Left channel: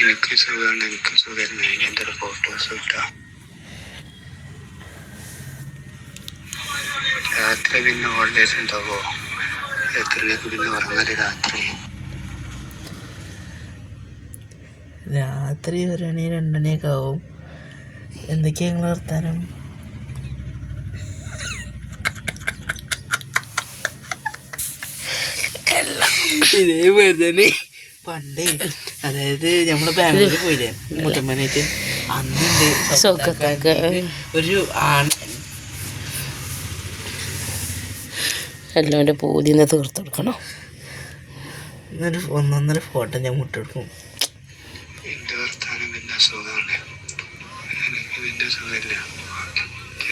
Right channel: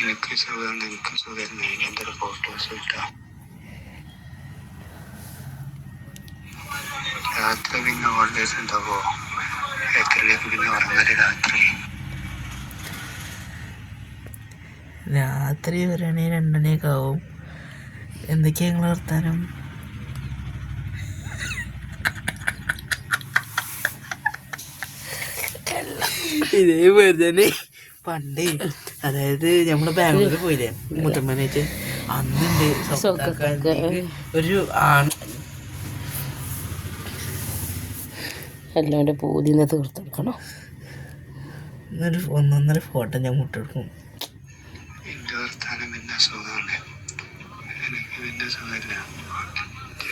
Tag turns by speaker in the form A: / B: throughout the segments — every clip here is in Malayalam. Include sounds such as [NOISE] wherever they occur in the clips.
A: എനിക്ക് സുഖമാണ് എനിക്ക് സുഖമാണ് എന്റെ ഒരു ഫോട്ടോസ് കിട്ടാം രാത്രി പിന്നെ ഓൾവേസ് ഉണ്ടാവോ? എത്രയിലേക്ക് പിന്നെ ഉറങ്ങൽ രാത്രി.
B: രാത്രി ഒരണി രണ്ടണിയൊക്കെ ആവും. എന്തൊക്കെയാ നിങ്ങൾ വർത്താനം? ഇതേപോലെ തന്നെ. പണ്ടേ അതായത് നമ്മൾ ബാംഗ്ലൂർ പോയില്ലേ മുത്തമ്മനായിട്ട് അന്നുണ്ട് ഒരു ആൺ
C: എല്ലാം പൂതിന്ന് തീർത്ത് കൊടുക്കണോ?
B: എന്നൊരു ഒന്നൊന്നര ഫോട്ടോ ഞാൻ മുട്ടെടുക്കും
A: എന്റെ വർത്താനം പിന്നെ സുഖമാണ് എനിക്ക് പിന്നെ സുഖമില്ല.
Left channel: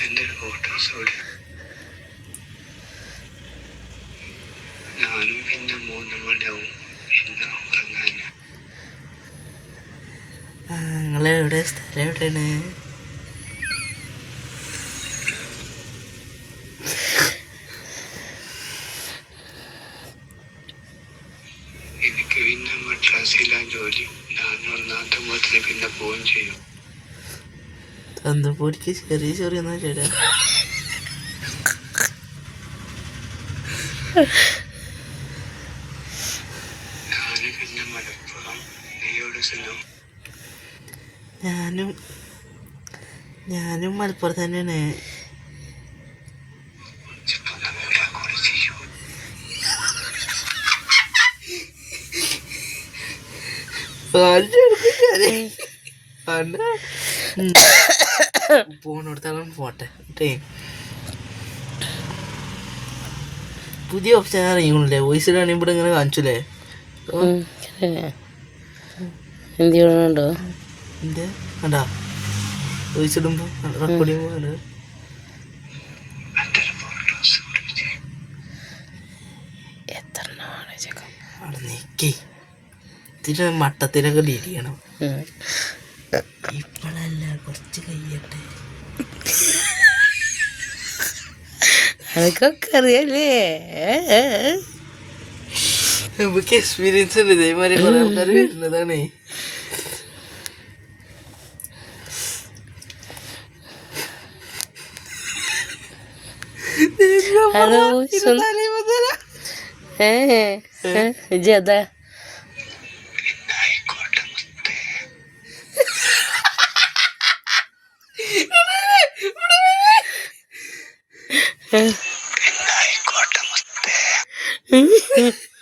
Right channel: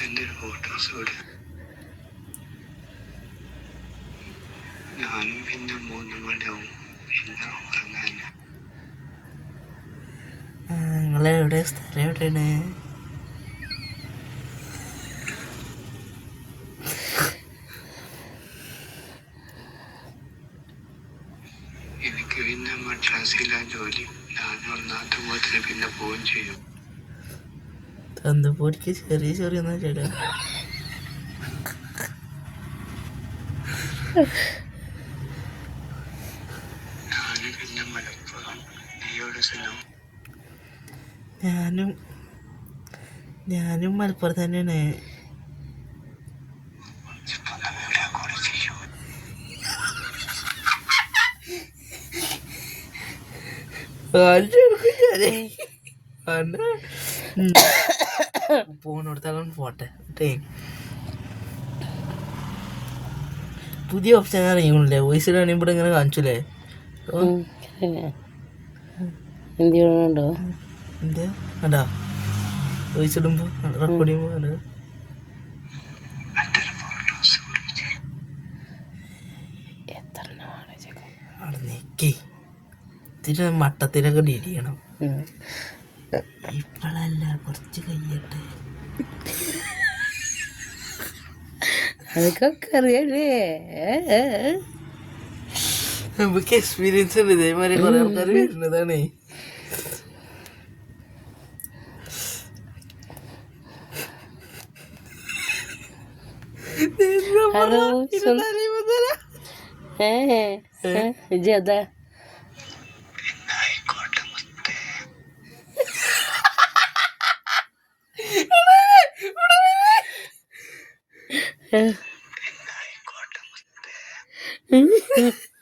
A: എന്റെ ഫോട്ടോസ് ഇവിടെ ഞാനും പിന്നെ മൂന്നും മണിയാവും ഉറങ്ങാൻ
B: നിങ്ങളെവിടെ സ്ഥലം എവിടെയാണ്?
A: എനിക്ക് പിന്നെ മദ്രാസിലാ ജോലി. ഞാൻ ഒന്നാം തമ്പത്തിന് പിന്നെ പോവുകയും ചെയ്യും.
B: തന്തപ്പൊടിക്ക് ചെറിയ ചെറിയൊന്നും ചേട്ടാ
A: ഞാൻ പിന്നെ മലപ്പുറം
B: ഞാനും ഞാനും മലപ്പുറത്ത് തന്നെയാണ്. പോണെടുത്താലും പോട്ടെ പുതിയ ഓപ്ഷൻ അറിയൂല്ലേ വോയിസിലാണെങ്കിൽ ഇവിടെ ഇങ്ങനെ കാണിച്ചില്ലേ?
C: എന്ത് ചെയ്യണുണ്ടോ
B: ഇപ്പഴല്ല കൊറച്ച് ഇതിന് ഡീൽ ചെയ്യണം. ഇപ്പോഴല്ല കുറച്ച് കഴിയട്ടെ
C: അതൊക്കെ അറിയാലേ
B: നമുക്ക് എക്സ്പീരിയൻസ് ഉണ്ട്. ഇതേമാതിരി കുറെ ആൾക്കാർ വരുന്നതാണേ.
C: ഹലോ ഏ ജതാ
A: ആയിക്കോട്ടെ മുത്തേ. ആയിക്കോട്ടെ [LAUGHS]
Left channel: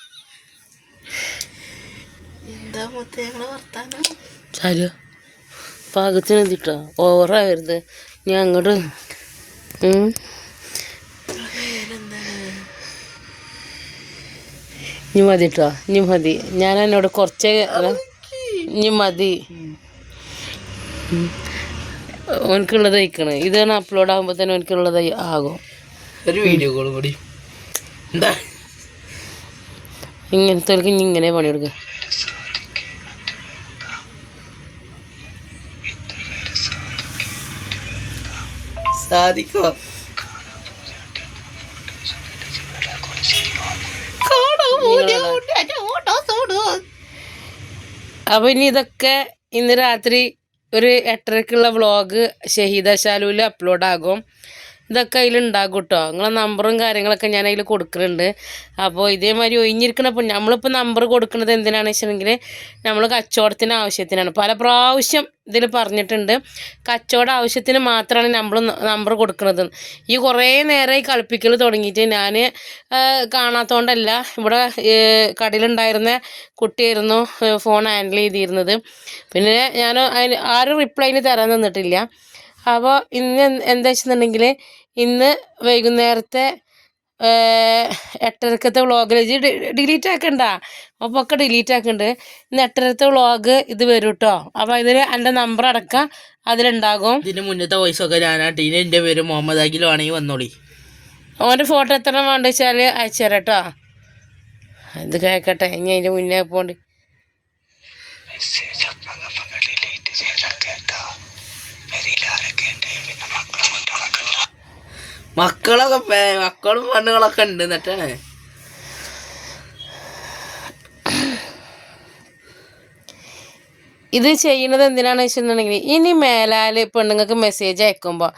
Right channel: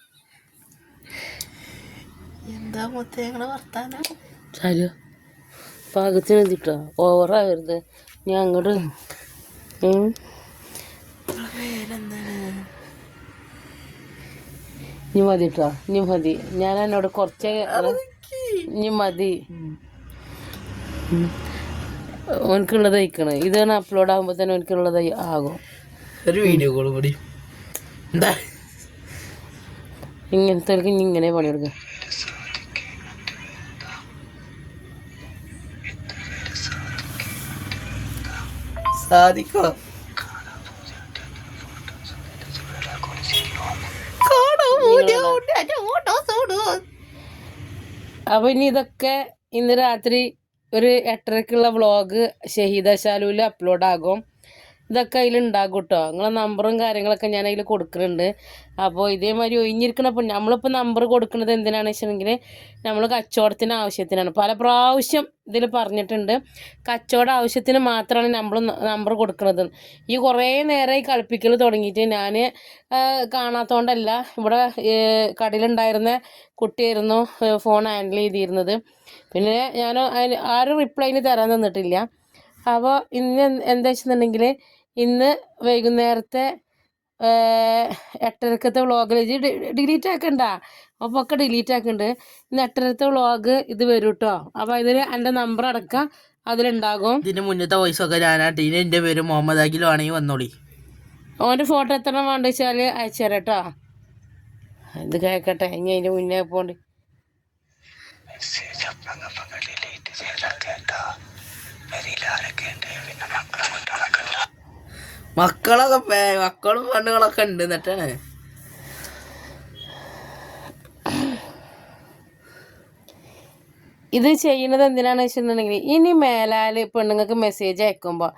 C: ചാലോ. പാകത്തിന് എത്തിട്ടോ ഓവറാകരുത് ഞാൻ അങ്ങോട്ട്. ഇനി മതി കേട്ടോ ഇനി മതി. ഞാൻ എന്നോട് കുറച്ച് ഇനി മതി. ഓനക്കുള്ളത് അയക്കണേ ഇതാണ് അപ്ലോഡ് ആകുമ്പോൾ തന്നെ ഓനക്കുള്ളത് ആകും.
B: ഒരു വീഡിയോ കോൾ കൂടി. എന്താ
C: ഇങ്ങനത്തെ ഇനി ഇങ്ങനെ പണിയെടുക്കുക
B: സാധിക്കോ
C: അപ്പൊ ഇനി ഇതൊക്കെ ഇന്ന് രാത്രി ഒരു എട്ടരക്കുള്ള വ്ളോഗ് ഷഹീദ ശാലുവിൽ അപ്ലോഡ് ആകും. ഇതൊക്കെ അതിലുണ്ടാകും കേട്ടോ നിങ്ങളെ നമ്പറും കാര്യങ്ങളൊക്കെ ഞാൻ അതിൽ കൊടുക്കുന്നുണ്ട് അപ്പോൾ ഇതേമാതിരി ഒഴിഞ്ഞിരിക്കണപ്പോൾ നമ്മളിപ്പോൾ നമ്പർ കൊടുക്കുന്നത് എന്തിനാണെന്ന് വെച്ചിട്ടുണ്ടെങ്കിൽ നമ്മൾ കച്ചവടത്തിന് ആവശ്യത്തിനാണ്. പല പ്രാവശ്യം ഇതിൽ പറഞ്ഞിട്ടുണ്ട്. കച്ചവട ആവശ്യത്തിന് മാത്രമാണ് നമ്മൾ നമ്പർ കൊടുക്കുന്നത് ഈ കുറേ നേരമായി കളിപ്പിക്കൽ തുടങ്ങിയിട്ട് ഞാൻ കാണാത്തതുകൊണ്ടല്ല ഇവിടെ കടയിലുണ്ടായിരുന്ന കുട്ടിയായിരുന്നു ഫോൺ ഹാൻഡിൽ ചെയ്തിരുന്നത്. പിന്നെ ഞാൻ അതിന് ആരും റിപ്ലൈന് തരാൻ തന്നിട്ടില്ല അപ്പോൾ ഇന്ന് എന്ത് വെച്ചിട്ടുണ്ടെങ്കിൽ ഇന്ന് വൈകുന്നേരത്തെ എട്ടരക്കത്തെ വ്ളോഗിൽ ഡിലീറ്റ് ആക്കണ്ട. അപ്പോൾ ഒക്കെ ഡിലീറ്റ് ആക്കണ്ട്. ഇന്ന് എട്ടരത്തെ വ്ളോഗ് ഇത് വരും കേട്ടോ അപ്പോൾ ഇതിൽ എന്റെ നമ്പർ അടക്കം അതിലുണ്ടാകും.
B: ഇതിന് മുന്നത്തെ വോയിസ് ഒക്കെ ഞാനാട്ടീന് എന്റെ പേര് മുഹമ്മദ് അഖിൽ ആണെങ്കിൽ വന്നോളി.
C: ഓന്റെ ഫോട്ടോ എത്ര വേണ്ട വെച്ചാൽ അയച്ചു തരാം കേട്ടോ. ഇത് കേൾക്കട്ടെ ഇനി അതിന്റെ മുന്നേ പോണ്ട്
A: മെസ്സേജ് ഒന്നപ്പം ഡിലീറ്റ് ചെയ്താൽ കേട്ടാ പെരിയിലാരൊക്കെ ഉണ്ട് പിന്നെ മക്കളെ കൊണ്ടുനടക്കണ്ട
B: മക്കളൊക്കെ മക്കളും പെണ്ണുങ്ങളൊക്കെ ഉണ്ട് എന്നിട്ടാണ്
C: ഇത് ചെയ്യുന്നത് എന്തിനാണെന്ന് വെച്ചിട്ടുണ്ടെങ്കിൽ ഇനി മേലാൽ പെണ്ണുങ്ങൾക്ക് മെസ്സേജ് അയക്കുമ്പോൾ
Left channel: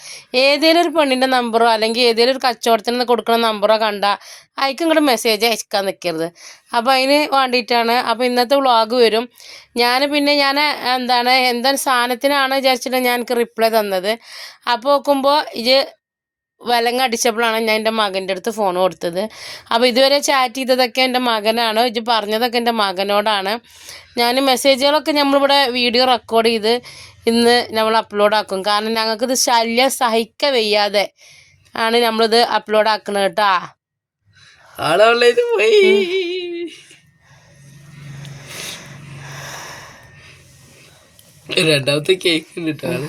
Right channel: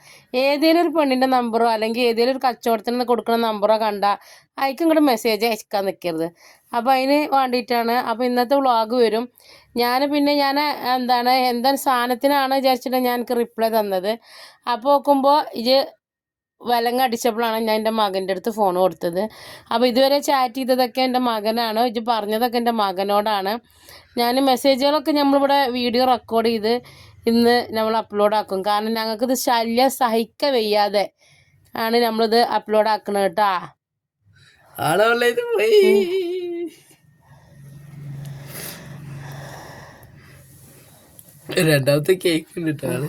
C: ഏതെങ്കിലും ഒരു പെണ്ണിന്റെ നമ്പറോ അല്ലെങ്കിൽ ഏതെങ്കിലും ഒരു കച്ചവടത്തിന് കൊടുക്കുന്ന നമ്പറോ കണ്ടാൽ അയക്കും ഇങ്ങോട്ട് മെസ്സേജ് അയക്കാൻ നിൽക്കരുത് അപ്പോൾ അതിന് വേണ്ടിയിട്ടാണ്. അപ്പോൾ ഇന്നത്തെ വ്ളോഗ് വരും. ഞാൻ പിന്നെ ഞാൻ എന്താണ് എന്താണ് സാധനത്തിനാണ് വിചാരിച്ചിട്ട് ഞാൻ റിപ്ലൈ തന്നത്. അപ്പോൾ നോക്കുമ്പോൾ ഇത് വിലങ്ങ അടിച്ചപ്പോഴാണ് ഞാൻ എന്റെ മകന്റെ അടുത്ത് ഫോൺ കൊടുത്തത്. അപ്പോൾ ഇതുവരെ ചാറ്റ് ചെയ്തതൊക്കെ എന്റെ മകനാണ്. ഇത് പറഞ്ഞതൊക്കെ എന്റെ മകനോടാണ്. ഞാൻ മെസ്സേജുകളൊക്കെ നമ്മളിവിടെ വീഡിയോ റെക്കോർഡ് ചെയ്ത് ഇന്ന് നമ്മൾ അപ്ലോഡ് ആക്കും. കാരണം ഞങ്ങൾക്കിത് ശല്യം സഹിക്ക വയ്യാതെ ആണ് നമ്മളിത് അപ്ലോഡ് ആക്കുന്നത് കേട്ടോ.
B: രണ്ടാമത്തെ കേക്ക് കിട്ടാണ്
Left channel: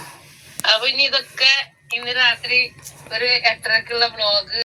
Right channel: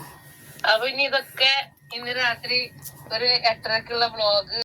C: അപ്പൊ ഇനി ഇതൊക്കെ ഇന്ന് രാത്രി ഒരു എട്ടരക്കുള്ള വ്ളോഗ്